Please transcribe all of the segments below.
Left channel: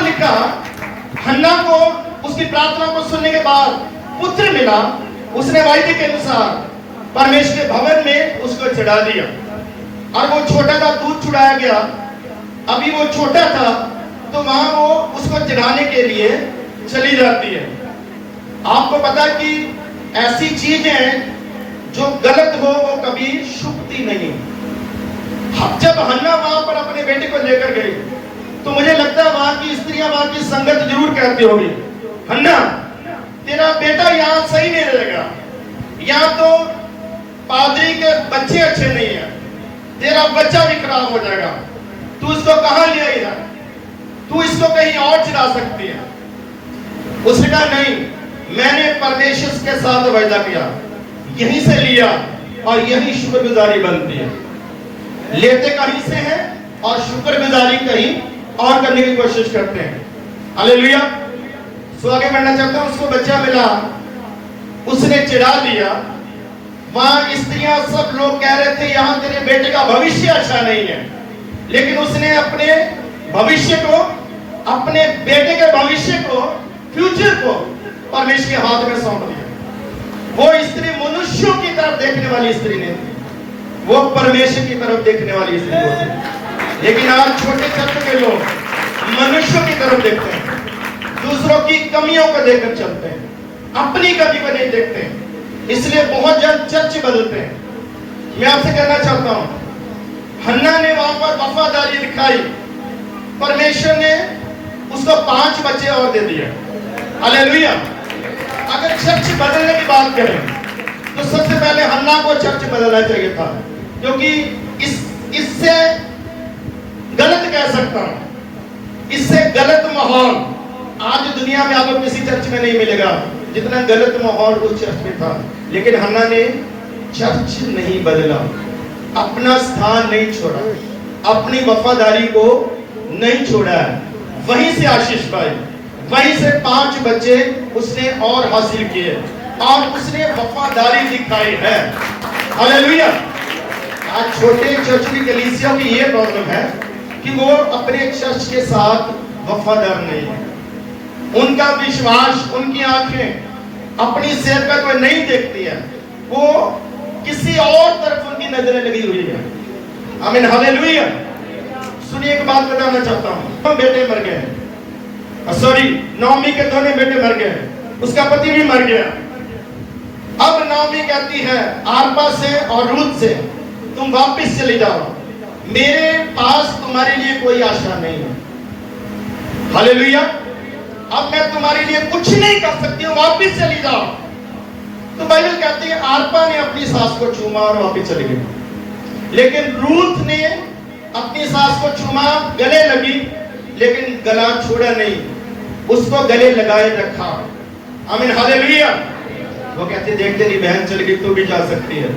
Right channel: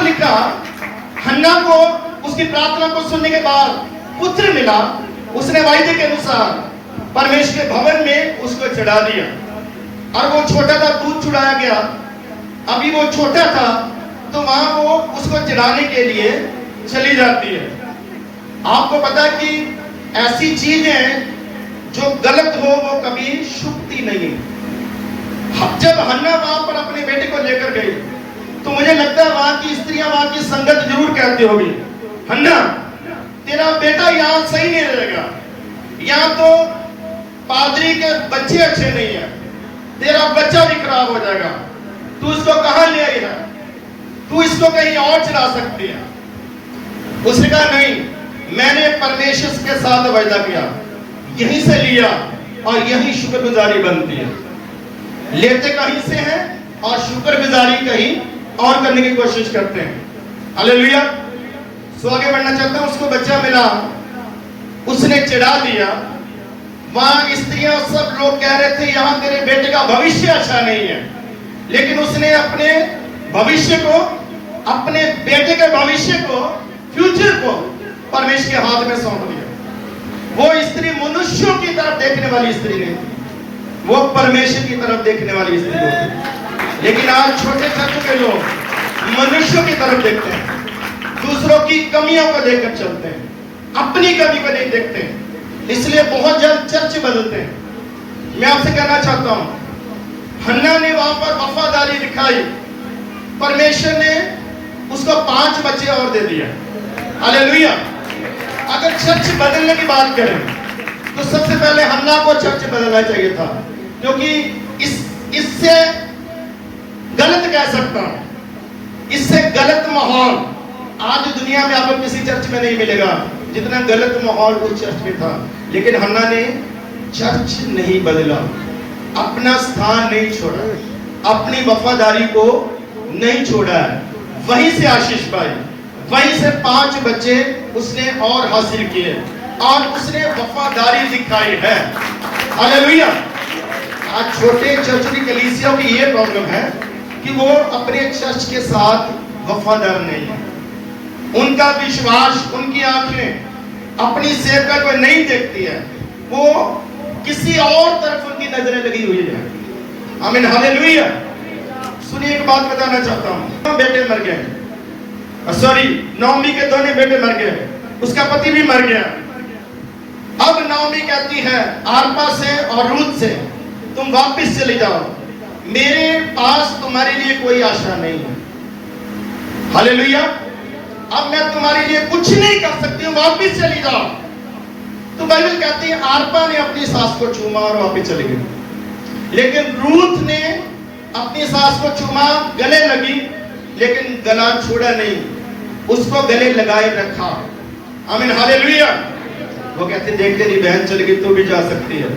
पर लिखा, हन्ना को उसकी प्रार्थना को सुनने के बाद पुत्र मिला। उसने वायदे के अनुसार परमेश्वर के भवन में उसको चढ़ा दिया। और वो छोटा था, दूध चढ़ाया गया। अभी वो छोटा था तो वहां वो उसको चढ़ाने के लिए चली जाती है। आपको पता कि ऐसी चीजें जो गलत हो वो कभी शुभती नहीं। जब हन्ना वहां पर अपने बेटे को लेकर गई तो मुझे लगता है वहां की स्त्रियां, वहां की संगत जरूर कहती होगी, हन्ना तेरा बेटा यहाँ सही नहीं रहेगा, यहाँ तो पादरी के बच्चे अच्छे नहीं है, तेरा बच्चा भी खराब हो जाएगा, तू इसको कहां ले आई है, तू इसको कहीं और चला सकती है। उसने कहा नहीं, मैंने परमेश्वर के साथ वायदा किया, यहीं से लिया और यही शुक्रगुजारी बनती है। लेते कहीं से हैं और शुक्रगुजारी कहीं और करने की कोशिश करते हैं। हालेलुया। सो आगे बढ़ना चाहता हूं। उसको बच्चा मिला, उसने चढ़ा दिया। वहां स्त्रियां सब लोग कह रहे थे यहां तेरे बेटे का भविष्य अच्छा नहीं है, लेकिन उसने अपने भविष्य को, अपने बेटे के भविष्य को, फ्यूचर को परमेश्वर के हाथ में सौंप दिया। वो स्त्री मनुष्यों की तरफ देखने वाली स्त्री नहीं, वो परमेश्वर की तरफ देखने वाली स्त्री होती। लेकिन आज छोटे चर्च के लोग मनुष्यों की तरफ देखते हैं, दूसरों की कमियों को देखकर चलते हैं, अपनी कमी को नहीं देखते हैं, इसलिए बहुत जल्द चर्च बदलते हैं। मैं आपसे कहना चाहता हूं, हन्ना ने वहां पर वफादारी दिखाई, परमेश्वर ने उसको 5 बच्चे और दे दिए। हालेलुया। अगर चर्च बदलने की बात करें तो सबसे पहले हन्ना को चर्च बदलना चाहिए था, क्योंकि इससे गलत कह सकता हूं, इससे गलत माहौल आज दुनिया में आपको किसी चर्च में नहीं मिलेगा जितना गलत माहौल उस चर्च में था। लेकिन हन्ना ने चर्च नहीं बदला, अपना स्थान नहीं छोड़ा, अपनी वफादारी को नहीं छोड़ा है, वहीं से आशीष पाई, वहीं से 5 बच्चे उसने और हासिल किए और उसने वफादारी दिखाई है। हालेलुया। आज छोटे चर्च की कलीसिया की ये प्रॉब्लम है कि वो अपने चर्च के साथ वफादार नहीं है। उनका विश्वास, उनकी आंखें अपनी सेवका को नहीं देखती है, वो किसी और तरफ उनकी नजरें लगी हुई है। आमीन। हालेलुया। सुनिए, एक बात बताना चाहता हूं। बेटे मर गए, सॉरी, नौमी के दोनों बेटे मर गए, उसका पति भी मर गया। अब नौमी कहती है आरपा से और रूत से, तुम वापस चले जाओ, मेरे पास तुम्हारे लिए कोई आशा नहीं है। हालेलुया। अब मैं तुम्हारे लिए कुछ नहीं कर सकती हूँ, वापस चली जाओ। तो बाइबल कहती है आरपा ने अपनी सास को चूमा और वापस चली गई, लेकिन रूत ने अपनी सास को चूमा, गले लगी, लेकिन गला छोड़ा नहीं, उसको गले लगाए रखा। आमीन। हालेलुया। वो कहते देख तेरी बहन चली गई तो भी जा सकती है,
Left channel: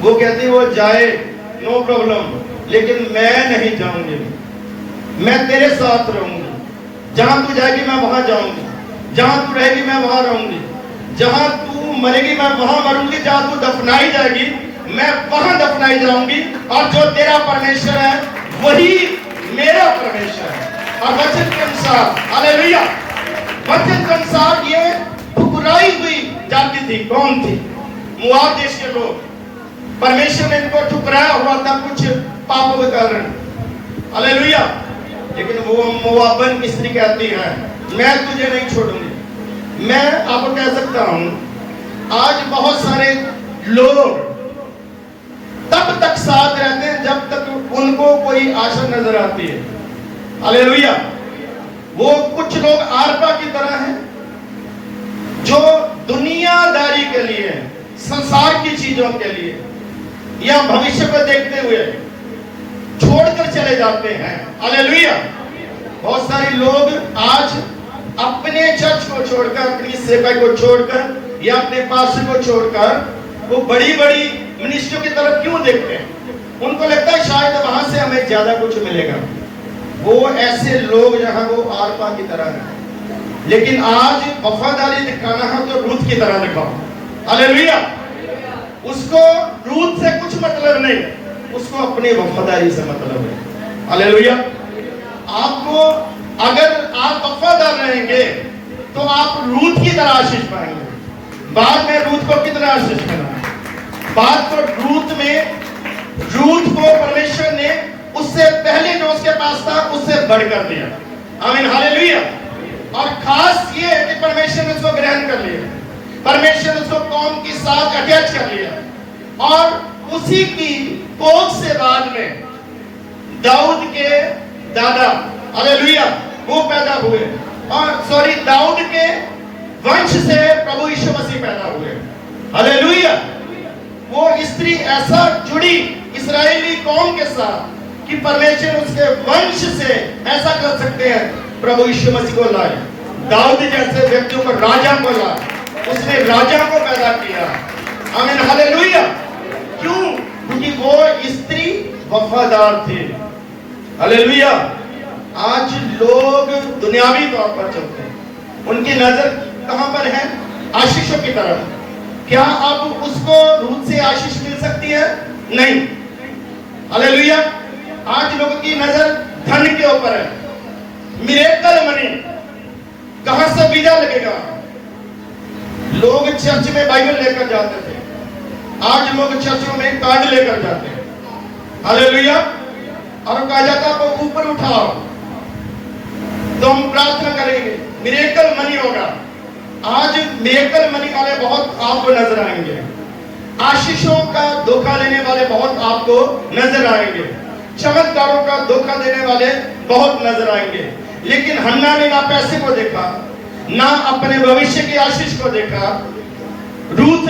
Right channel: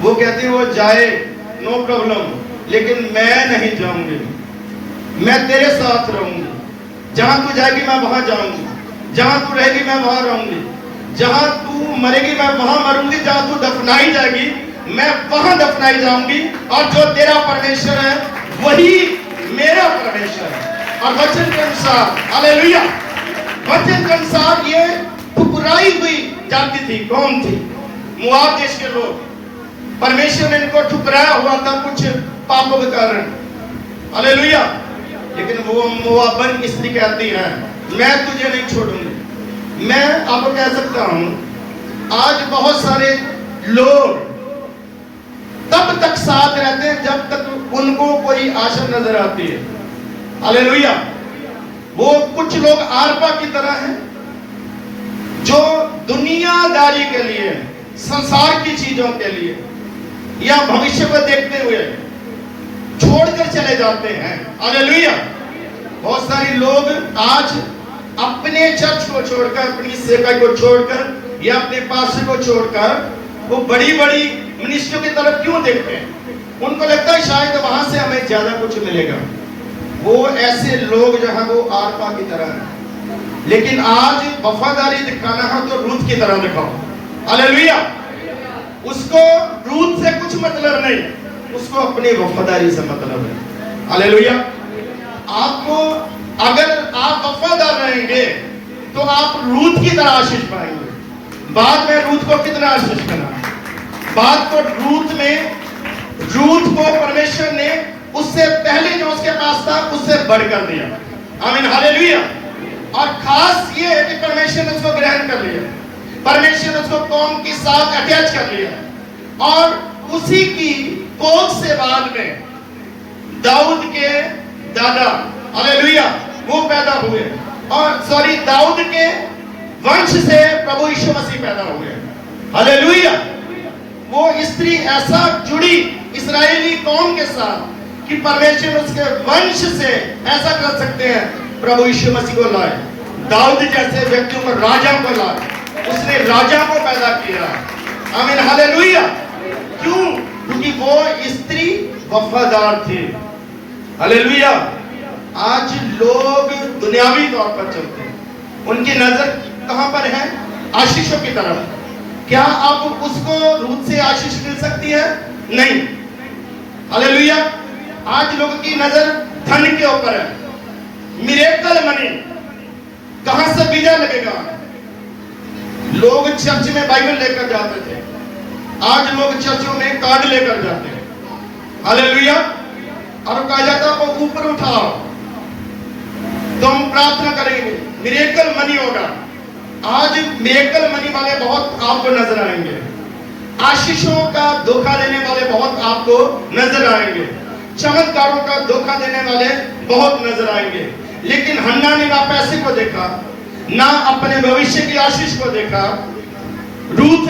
वो कहती वो जाए, नो प्रॉब्लम, लेकिन मैं नहीं जाऊंगी, मैं तेरे साथ रहूंगी, जहां तू जाएगी मैं वहां जाऊंगी, जहां तू रहेगी मैं वहां रहूंगी, जहां तू मरेगी मैं वहां मरूंगी, जहां तू दफनाई जाएगी मैं वहां दफनाई जाऊंगी, और जो तेरा परमेश्वर है वही मेरा परमेश्वर है। और वचन के अनुसार, हालेलुया, वचन के अनुसार ये ठुकराई हुई जाति थी। कौन थी? मोआब देश के लोग। परमेश्वर ने इनको ठुकराया हुआ था कुछ पापों के कारण। हालेलुया। लेकिन वो मोआबन स्त्री कहती है मैं तुझे नहीं छोड़ूंगी। मैं आपको कह सकता हूं, आज बहुत सारे लोग तब तक साथ रहते हैं जब तक उनको कोई आशा नजर आती है। हालेलुया। वो कुछ लोग आरपा की तरह हैं जो दुनियादारी के लिए, संसार की चीजों के लिए या भविष्य को देखते हुए छोड़कर चले जाते हैं। हालेलुया। बहुत सारे लोग आज अपने चर्च को छोड़कर, अपनी सेवा को छोड़कर या अपने पास को छोड़कर वो बड़ी बड़ी मिनिस्ट्रियों की तरफ क्यों देखते हैं? उनको लगता है शायद वहां से हमें ज्यादा कुछ मिलेगा। वो ऐसे लोग जहां वो आरपा की तरह है। लेकिन आज वफादारी दिखाना है तो रूत की तरह दिखाओ। हालेलुया। उसको रूत से कुछ मतलब नहीं, उसको अपने वफादारी से मतलब है। हालेलुया। आपको अगर रहेंगे तो आप रूथ की तरह आशीष पाएंगे। बाद में रूथ को कितना आशीष मिला? बाद को रूथ को परमेश्वर ने उससे पहले जो उसके पास था उससे बढ़कर दिया। आमीन, हालेलुया। और खास ये है कि परमेश्वर ने उसको ग्रहण कर लिया, परमेश्वर ने उसको कौम की साथ अटैच कर लिया और उसी की कोख से बाद में दाऊद के दादा, हालेलुया, वो पैदा हुए और दाऊद के वंश से प्रभु यीशु मसीह पैदा हुए। हालेलुया। वो स्त्री ऐसा जुड़ी इस्राएली कौम के साथ कि परमेश्वर उसके वंश से ऐसा कर सकते हैं, प्रभु यीशु मसीह को लाए, दाऊद जैसे व्यक्तियों को, राजा को लाए, उसने राजा को पैदा किया। आमीन, हालेलुया। क्यों? क्योंकि वो स्त्री वफादार थी। हालेलुया। आज लोग दुनियावी तौर पर चलते हैं, उनकी नजर कहां पर है? आशीषों की तरफ। क्या अब उसको रूथ से आशीष मिल सकती है? नहीं। हालेलुया। आज लोगों की नजर धन के ऊपर है। मिरेकल मनी, कहां से वीजा लगेगा? लोग चर्च में बाइबल लेकर जाते थे, आज लोग चर्चों में कार्ड लेकर जाते हैं। हालेलुया। और कहा जाता है आप ऊपर उठाओ तो हम प्रार्थना करेंगे, मिरेकल मनी होगा। आज मिरेकल मनी वाले बहुत आपको नजर आएंगे, आशीषों का धोखा देने वाले बहुत आपको नजर आएंगे, चमत्कारों का धोखा देने वाले बहुत नजर आएंगे। लेकिन हन्ना ने ना पैसे को देखा, ना अपने भविष्य की आशीष को देखा। रूथ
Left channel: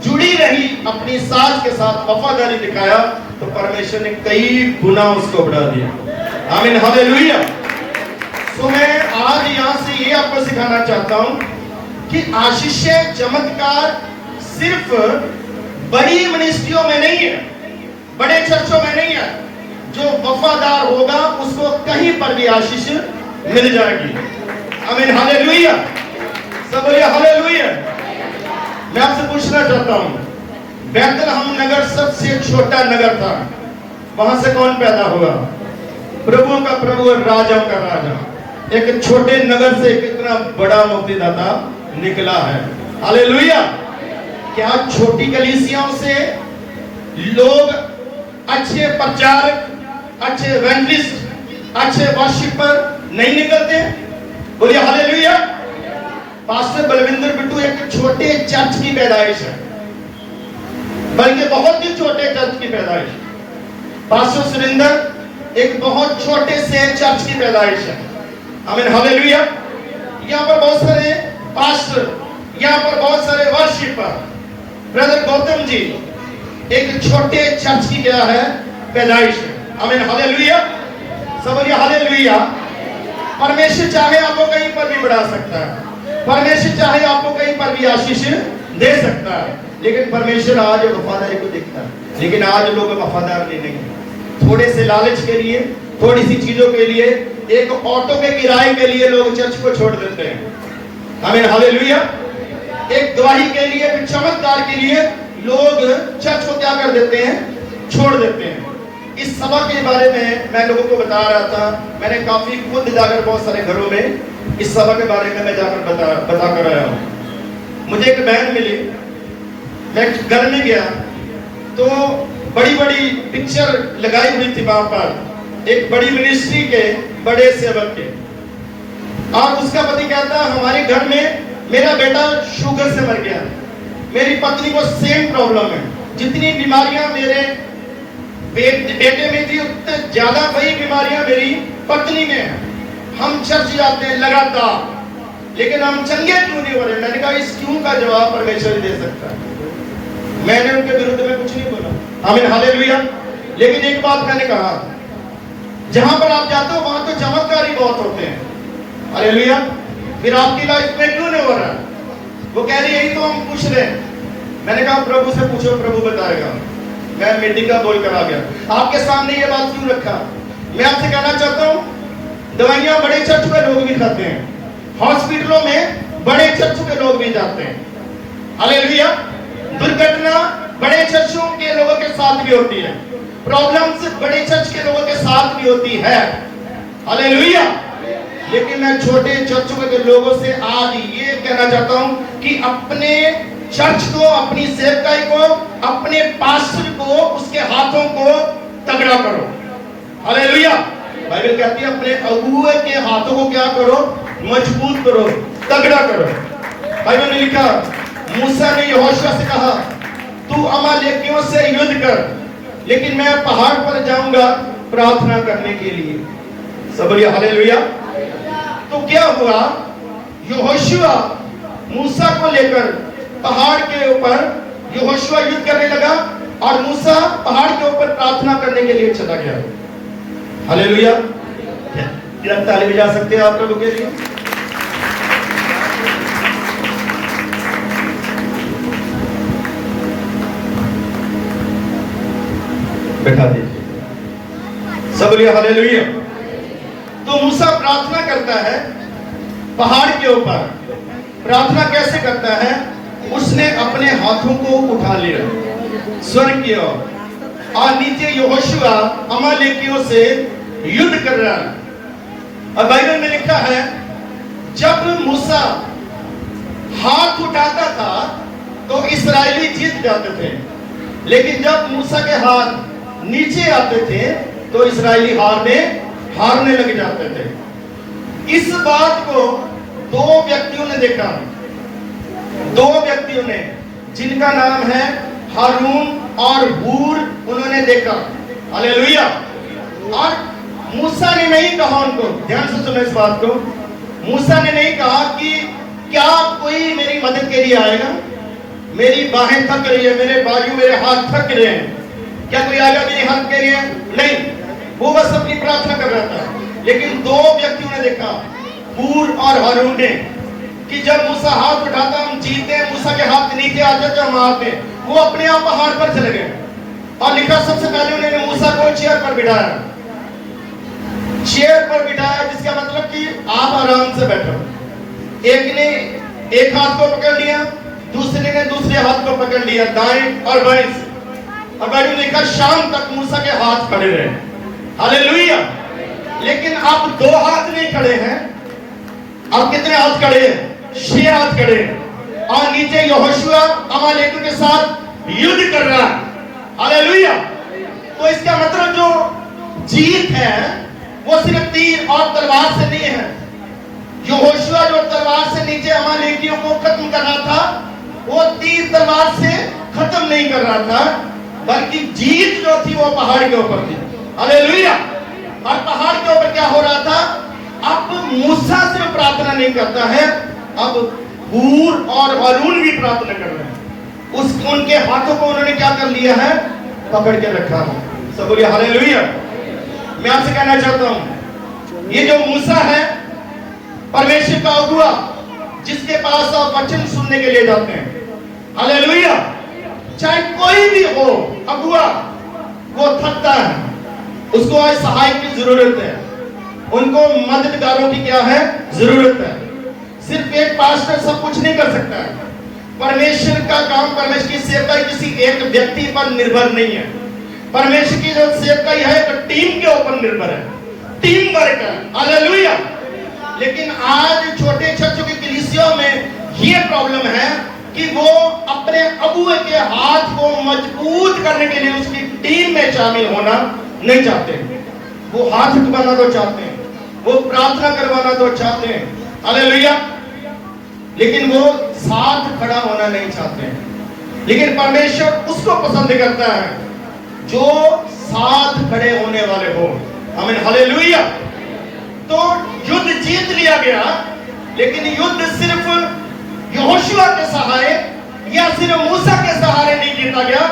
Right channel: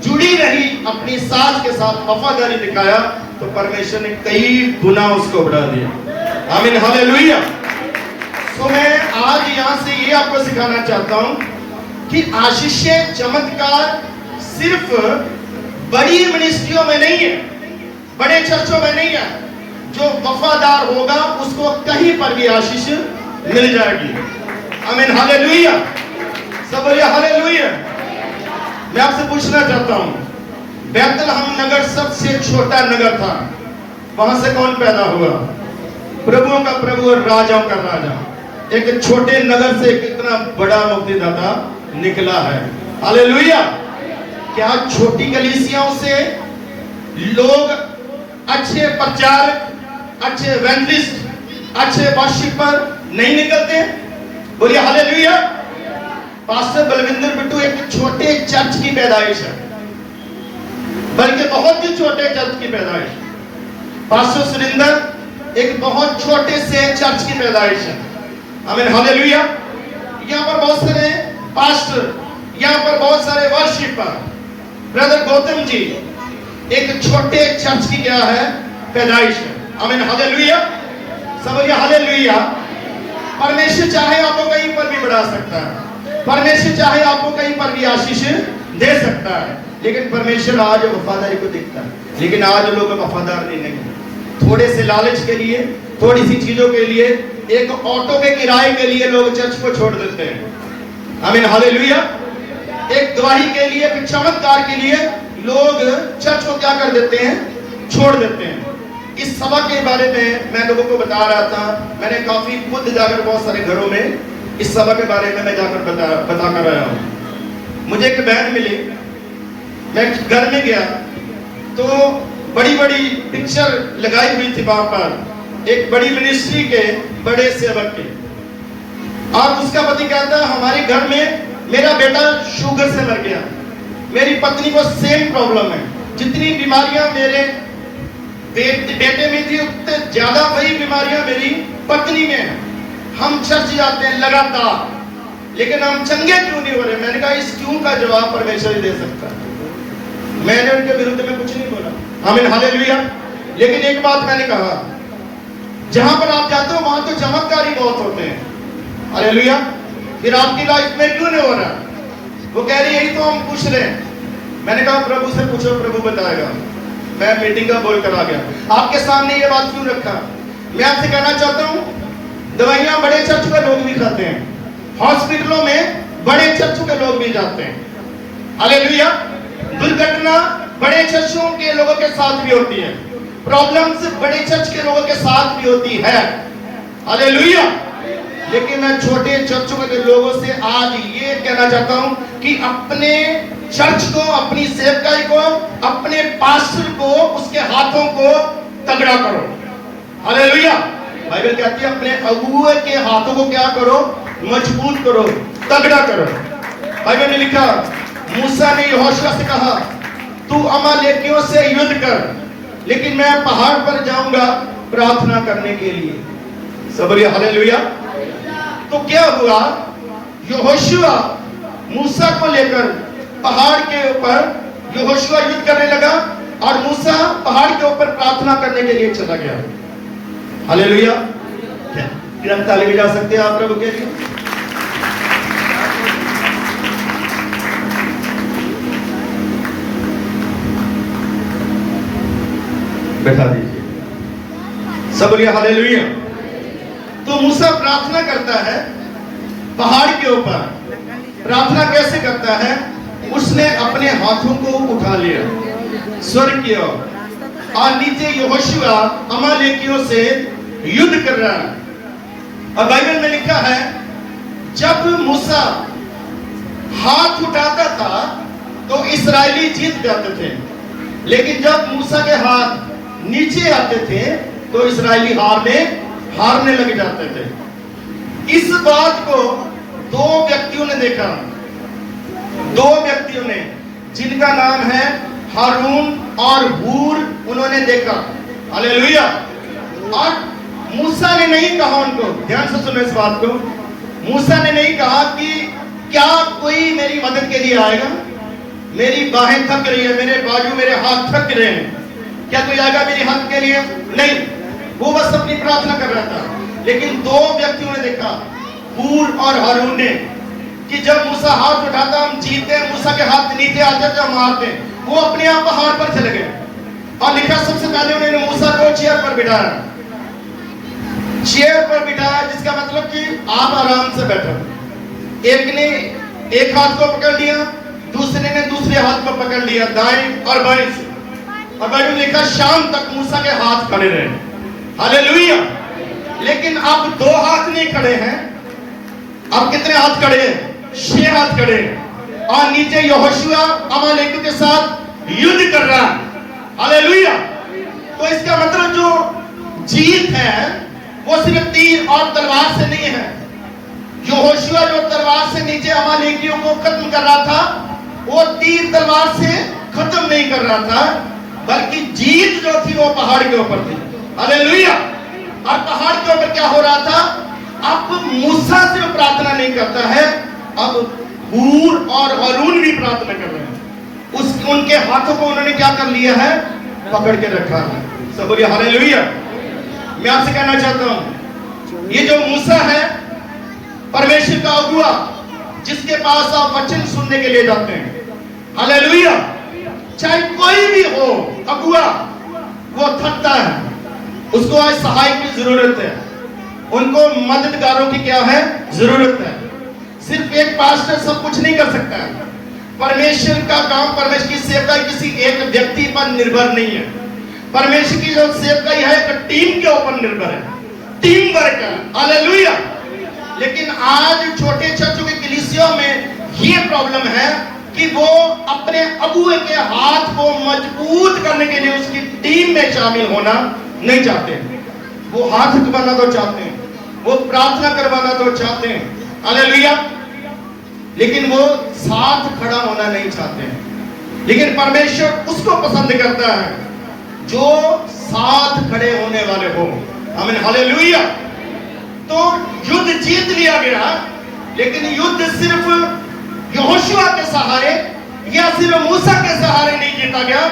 जुड़ी रही अपनी सास के साथ, वफादारी दिखाया तो परमेश्वर ने कई गुना उसको बढ़ा दिया। आमीन, हालेलुया। तो मैं आज यहां से ये आपको सिखाना चाहता हूं कि आशीषें, चमत्कार सिर्फ बड़ी मिनिस्ट्रियों में नहीं है, बड़े चर्चों में नहीं है। जो वफादार होगा उसको कहीं पर भी आशीष मिल जाएगी। आमीन, हालेलुया। सब बोलिए हालेलुया। मैं आपसे पूछना चाहता हूं, बैतलहम नगर सबसे छोटा नगर था, वहां से कौन पैदा हुआ? प्रभुओं का प्रभु और राजाओं का राजा। एक छोटे नगर से कितना बड़ा मुक्तिदाता निकला है। हालेलुया। क्या छोटी कलीसियाओं से लोग अच्छे प्रचारक, अच्छे इवेंजलिस्ट, अच्छे वर्शिपर नहीं निकलते? बोलिए हालेलुया। पास्टर बलविंदर बिट्टू एक छोटे चर्च की पैदाइश है, बल्कि बहुत ही छोटे चर्च की पैदाइश। पास्टर सुरिंदर एक बहुत छोटे से चर्च की पैदाइश है। आमीन, हालेलुया। यहाँ पर बहुत सारे पास्टर, यहाँ पर बहुत सारे वर्शिपर, ब्रदर गौतम जी एक छोटे चर्च की क्या है? पैदाइश है। आमीन, हालेलुया। सब बोलिए हालेलुया। परमेश्वर चाहे आपको कहीं पर भी बढ़ा सकता है, परमेश्वर चाहे आपको कहीं पर भी आशीष दे सकता है, लेकिन परमेश्वर आज वफादारी को देखता है। लेकिन आज लोग वफादार नहीं। थोड़े से लालच के लिए, थोड़ी सी चीजों के लिए, एक ऑटो के किराए के लिए लोग चर्च को छोड़ देते हैं। आमीन, हालेलुया। एक गवाही के लिए, एक चमत्कार के लिए लोग चर्च को क्या कर देते हैं? छोड़ देते हैं। इस सभा के बारे में मैं लोगों को बता रहा था, मैंने काफी खुद जाकर बहुत सारे घरों में इस सभा के बारे में मैं जाकर बता कर आया हूँ। मुझे एक बहन मिली, मैं घर में गया तो बड़ी बड़ी पिक्चर लगाई हुई थी वहां पर, एक बड़ी मिनिस्ट्री के बड़े सेवक के, और उसका पति कहता हमारे घर में मेरा बेटा शुगर से मर गया, मेरी पत्नी को सेम प्रॉब्लम है, जितनी बीमारियां मेरे बेटे में थी उतने ज्यादा वही बीमारियां मेरी पत्नी में है। हम चर्च जाते हैं लगातार, लेकिन हम चंगे क्यों नहीं हो रहे? मैंने कहा इस क्यों का जवाब परमेश्वर ही दे सकता है। मैंने उनके विरुद्ध में कुछ नहीं बोला। आमीन, हालेलुया। लेकिन एक बात मैंने कहा, जहां पर आप जाते हो वहां तो चमत्कार ही बहुत होते हैं। हालेलुया। फिर आपकी लाइफ में क्यों नहीं हो रहा? वो कह रही यही तो हम पूछ रहे हैं। मैंने कहा प्रभु से पूछो, प्रभु बताएगा। मैं मीटिंग का बोल कर आ गया। आपके सामने ये बात क्यों रखा? मैं आपसे कहना चाहता हूं, दवाइयां बड़े चर्च के लोग भी खाते हैं, हॉस्पिटलों में बड़े चर्च के लोग भी जाते हैं। हालेलुया। दुर्घटना बड़े चर्चों के लोगों के साथ भी होती है, प्रॉब्लम्स बड़े चर्च के लोगों के साथ भी होती है। हालेलुया। लेकिन मैं छोटे चर्चों के लोगों से आज ये कहना चाहता हूं कि अपने चर्च को, अपनी सेवकाई को, अपने पास्टर को, उसके हाथों को तगड़ा करो। हालेलुया। बाइबल कहती है अपने अगुए के हाथों को क्या करो? मजबूत करो, तगड़ा करो। बाइबल में लिखा, मूसा ने यहोशू से कहा, तू अमालेकियों से युद्ध कर, लेकिन मैं पहाड़ पर जाऊंगा प्रार्थना करने के लिए। सब बोलिए हालेलुया। तो क्या हुआ? यहोशू मूसा को लेकर पहाड़ के ऊपर यहोशू युद्ध करने लगा और मूसा पहाड़ के ऊपर प्रार्थना करने के लिए चला गया। हालेलुया। क्या ताली बजा सकते हैं आप प्रभु के लिए? बैठा दीजिए। सब बोलिए हालेलुया। तो मूसा प्रार्थना करता है पहाड़ के ऊपर। प्रार्थना कैसे करता है? उसने अपने हाथों को उठा लिया स्वर्ग की ओर और नीचे यहोशू अमालेकियों से युद्ध कर रहा है। और बाइबल में लिखा है, जब मूसा हाथ उठाता था तो इस्राएली जीत जाते थे, लेकिन जब मूसा के हाथ नीचे आते थे तो इस्राएली हारने लग जाते थे। इस बात को दो व्यक्तियों ने देखा, दो व्यक्तियों ने, जिनका नाम है हारून और हूर, उन्होंने देखा। हालेलुया। और मूसा ने नहीं कहा उनको, ध्यान से सुनो इस बात को, मूसा ने नहीं कहा कि क्या कोई मेरी मदद के लिए आएगा? मेरी बाहें थक रही है, मेरे बाजू, मेरे हाथ थक रहे हैं, क्या कोई आएगा मेरी हाथ के लिए? नहीं, वो बस अपनी प्रार्थना कर रहा था। लेकिन दो व्यक्तियों ने देखा, हूर और हारून ने, कि जब मूसा हाथ उठाता हम जीतते, मूसा के हाथ नीचे आते तो हम हारते। वो अपने आप पहाड़ पर चले गए और लिखा, सबसे पहले उन्होंने मूसा को चेयर पर बिठाया, चेयर पर बिठाया, जिसका मतलब कि आप आराम से बैठो। एक ने एक हाथ को पकड़ लिया, दूसरे ने दूसरे हाथ को पकड़ लिया, दाएं और बाएं से। और बाइबल में लिखा, शाम तक मूसा के हाथ खड़े रहे। हालेलुया। लेकिन अब दो हाथ नहीं खड़े हैं, अब कितने हाथ खड़े हैं? 6 हाथ खड़े हैं। और नीचे यहोशू अमालेकियों के साथ युद्ध कर रहा है। हालेलुया। तो इसका मतलब जो जीत है वो सिर्फ तीर और तलवार से नहीं है। यहोशू जो तलवार से नीचे अमालेकियों को खत्म कर रहा था, वो तीर तलवार से खत्म नहीं कर रहा था, बल्कि जीत जो थी वो पहाड़ के ऊपर थी। हालेलुया। और पहाड़ के ऊपर क्या हो रहा था? अब मूसा सिर्फ प्रार्थना नहीं करता है, अब हूर और हारून भी प्रार्थना कर रहे हैं। उनके हाथों को उन्होंने क्या कर लिया है? पकड़ के रखा है। सब बोलिए हालेलुया। मैं आपसे कहना चाहता हूं, ये जो मूसा है परमेश्वर का अगुआ, जिसके पास आप वचन सुनने के लिए जाते हैं। हालेलुया। चाहे कोई भी हो अगुआ, वो थकता है, उसको आज सहायक की जरूरत है, उनको मददगारों की क्या है? जरूरत है। सिर्फ एक पास्टर सब कुछ नहीं कर सकता है। परमेश्वर का काम, परमेश्वर की सेवकाई किसी एक व्यक्ति पर निर्भर नहीं है। परमेश्वर की जो सेवकाई है वो टीम के ऊपर निर्भर है, टीम वर्क है। हालेलुया। लेकिन आज छोटे चर्चों की कलीसियों में ये प्रॉब्लम है कि वो अपने अगुए के हाथ को मजबूत करने के लिए उसकी टीम में शामिल होना नहीं चाहते। वो हाथ उठाना तो चाहते हैं, वो प्रार्थना करवाना तो चाहते हैं। हालेलुया। लेकिन वो साथ खड़ा होना नहीं चाहते हैं। लेकिन परमेश्वर उसको पसंद करता है जो साथ खड़े होने वाले हो। आमीन। हालेलुया। तो युद्ध जीत लिया गया, लेकिन युद्ध सिर्फ यहोशू के सहारे या सिर्फ मूसा के सहारे नहीं जीता गया।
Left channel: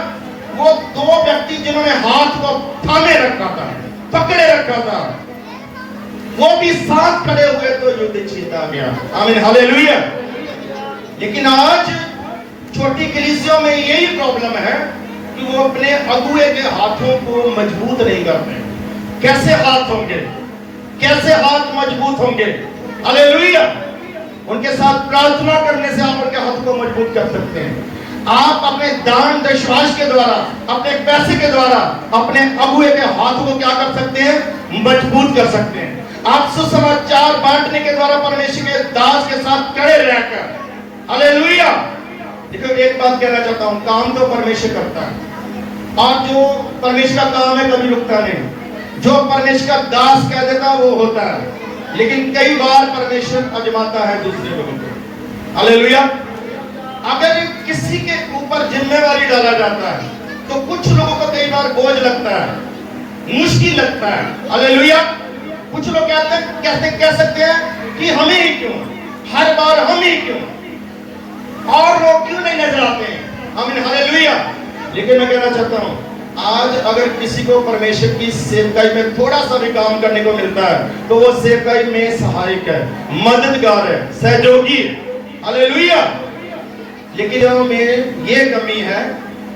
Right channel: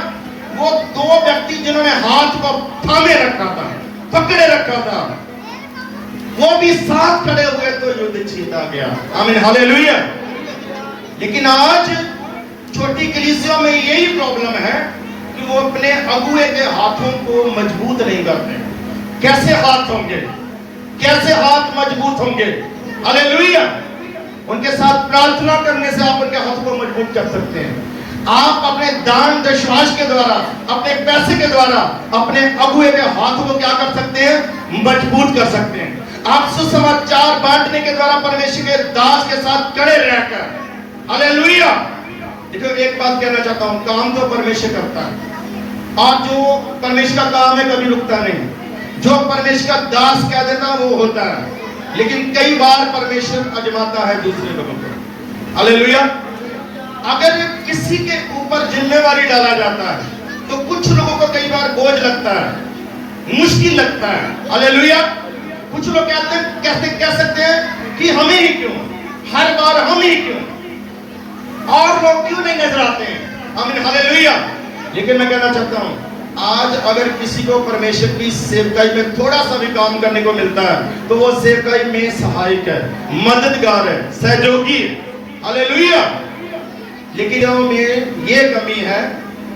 वो दो व्यक्ति जिन्होंने हाथ को थामे रखा था, पकड़े रखा था, वो भी साथ खड़े हुए तो युद्ध जीता गया। आमीन। हालेलुया। लेकिन आज छोटी कलीसियों में यही प्रॉब्लम है कि वो अपने अगुए के हाथों को मजबूत नहीं करते। कैसे हाथ होंगे? कैसे हाथ मजबूत होंगे? हालेलुया। उनके साथ प्रार्थना करने से आप उनके हाथ को मजबूत कर सकते हैं। आप अपने दान दशवाश के द्वारा, अपने पैसे के द्वारा अपने अगुए के हाथों को क्या कर सकते हैं? मजबूत कर सकते हैं। आप सुसमाचार बांटने के द्वारा परमेश्वर के दास के साथ खड़े रहकर, हालेलुया। देखो एक बात कहना चाहता हूं, काम तो परमेश्वर करता है, और जो परमेश्वर का काम है कभी रुकता नहीं। जो परमेश्वर का दास कह देता वो होता है, लेकिन कई बार परमेश्वर आजमाता है दूसरे लोगों को, हालेलुया। अगर किसी के ऊपर जिम्मेवारी डाला जाता है तो कुछ लोगों को कई बार बोझ लगता है, मुश्किल लगता है, हालेलुया। कुछ लोग कह सकते हैं कि हम ही क्यों, हर बार हम ही क्यों, और लोग क्यों नहीं नजर आते हैं, आमीन, हालेलुया। लेकिन मैं कहना चाहता हूं, आज अगर किसी को परमेश्वर की सेवकाई में थोड़ा सा भी काम करने को मिलता है तो वो सेवकाई में सहायक है, मददगार है, सहयोगी है, हालेलुया। लेकिन में ये कमी है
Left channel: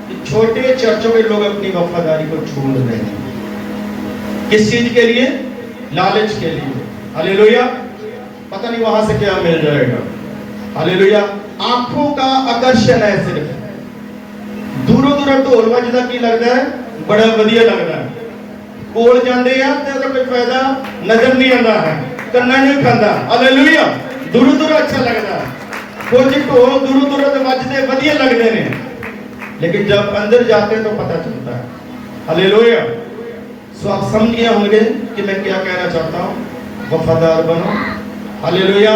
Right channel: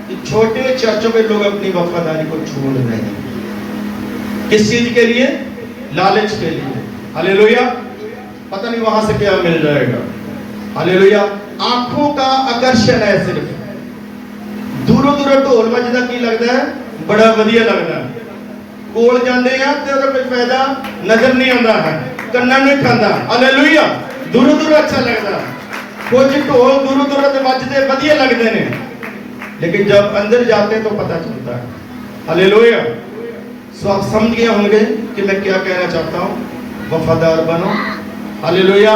कि छोटे चर्चों में लोग अपनी वफादारी को छोड़ रहे हैं। किस चीज के लिए? लालच के लिए, हालेलुया। पता नहीं वहां से क्या मिल जाएगा, हालेलुया। आंखों का आकर्षण है, सिर्फ दूरों दूरों ढोल बजदा की लगता है, बड़ा वधिया लगता है, कोल जाते हैं तो कोई फायदा नजर नहीं आता है, कन्ना नहीं खाता, हालेलुया। दूरों दूरों अच्छा लगता है, कुछ ढोल दूरों दूरों तो बजते वधिया लगते हैं, लेकिन जब अंदर जाते हैं तो पता चलता है, हालेलुया। सो आप समझ गए होंगे कि मैं क्या कहना चाहता हूं। वफादार बनो, हालेलुया,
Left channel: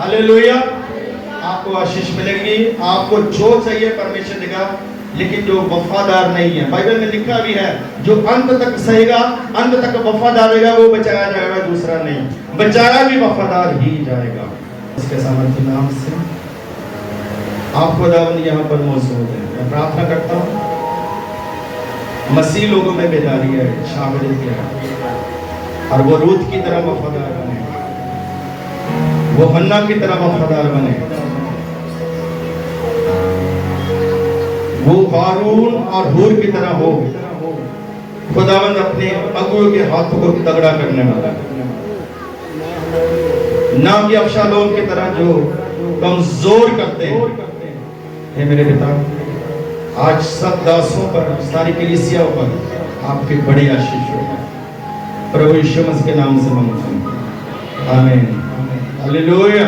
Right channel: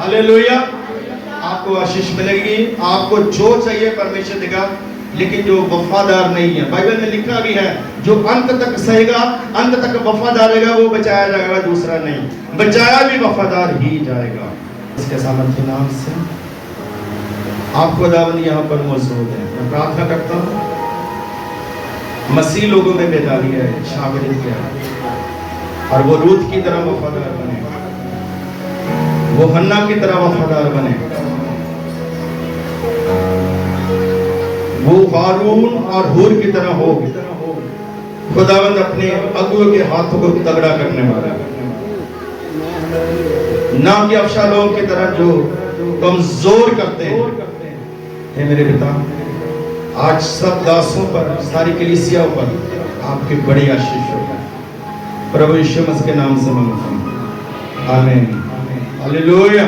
हालेलुया। आपको आशीष मिलेगी, आपको जो चाहिए परमेश्वर देगा। लेकिन जो वफादार नहीं है, बाइबल में लिखा भी है, जो अंत तक सहेगा, अंत तक वफादार रहेगा, वो बचाया जाएगा, दूसरा नहीं। बचाया भी वफादार ही जाएगा। इसके सामर्थ्य नाम से आप खुदावंद यहाँ पर मौजूद है। मैं प्रार्थना करता हूँ मसीह लोगों में बेदारी है, शामिल है, और वो रूत की तरह वफादार बने, वो हन्ना की तरह वफादार बने, वो हारून और हूर की तरह हो। खुदावंद अपने अगुओं के हाथों को तगड़ा करने वाला, ना कि अबशालोम की तरह जो कमजोर करते हैं। हे मेरे पिता, आज सब दासों पर, सारी कलीसिया पर आपकी बड़ी आशीष हो, प्रभु यीशु मसीह के नाम से मांगता हूं, आमीन, हालेलुया।